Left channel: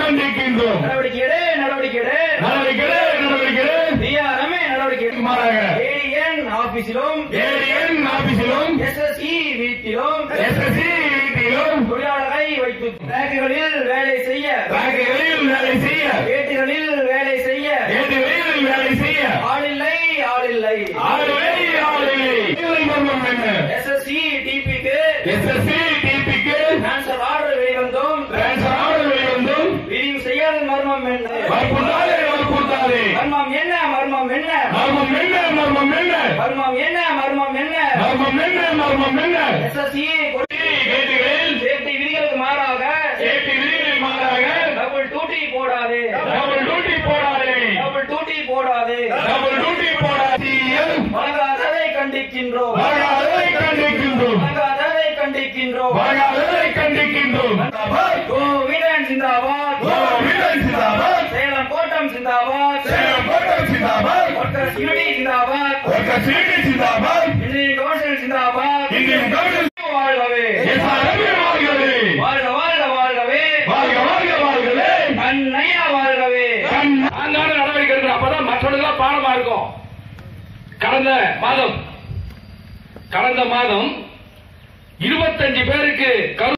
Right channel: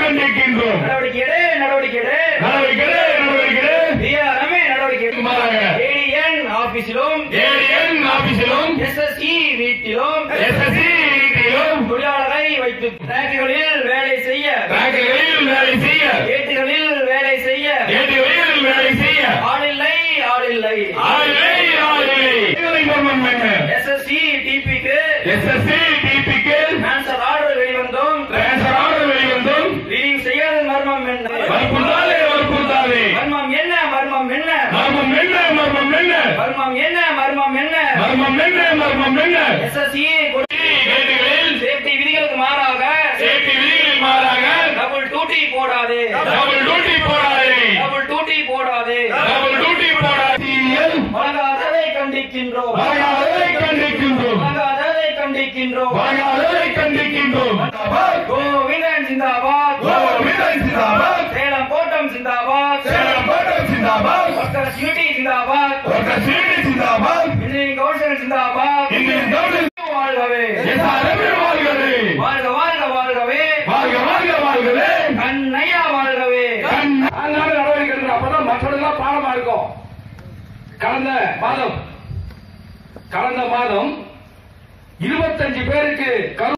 கண்டிக்கின்றோம் நடவடிக்கை எடு நடவடிக்கை எடு நடவடிக்கை நடவடிக்கை டிஆர்எம்ஏ நடவடிக்கை எடு. மாறாக. ஏடிஎன் ஆபீஸிலும் ஏடிஎன் ஆபீஸிலும் எஸ்எஸ்இ வீட்டிலும் எஸ்எஸ்சி வீட்டிலும் தொழிலாளரை வைத்து பேங்குகளில் வேலை செய்ய பேங்குகளில் வேலை செய்ய ஏட்டுகளில் வேலை செய்ய ஏடிகளில் வேலை செய்ய. ஆளில்லை ஆளில்லை. மர்மம் என்ன எஸ்எஸ்சி டிபிக்கு எஸ்எஸ்சி வற்புறுத்தாதே மர்மம் என்ன? மர்மம் என்ன? மர்மம் என்ன? மர்மம் என்ன? மர்மம் என்ன? மர்மம் என்ன? மர்மம் என்ன? மர்மம் என்ன? எஸ்எஸ்சி வீடுகளில் சேஃப்டி விதிகளுக்கு மாறாக சேஃப்டி விதிகளில் மாறாக டபுள் டூட்டி போடாதே. டபுள் டியூட்டி போடாதே. டபுள் டூட்டி போடாதே. டபுள் டியூட்டி போடாதே. வழங்காததை கண்டிக்கின்றோம். வழங்காததை கண்டிக்கின்றோம். சிந்தாபாத் சேலம் கோட்டம் சிந்தாபாத். ஒர்க்கர் சிவிடி சிந்தாபாத் ஒருத்தர் சீனி சிந்தாபாத். இந்தியன் கவுன்சில் சிந்தாபாத் இந்தியன் கவுன்சில் வாழ்கவே எஸ்ஆர்எம் வாழ்கவே. வாழ்க வாழ்க வாழ்கவே வாழ்க வாழ்க வாழ்கவே. கண்ணையா வாழ்கவே நாங்கான நடவடிக்கை எடுக்கணும் அப்பதான் மற்றவர்களுக்கு பாடமா இருக்கும் கடந்த மாதம் கடந்த மாதம் இருபத்தஞ்சு பேருக்கு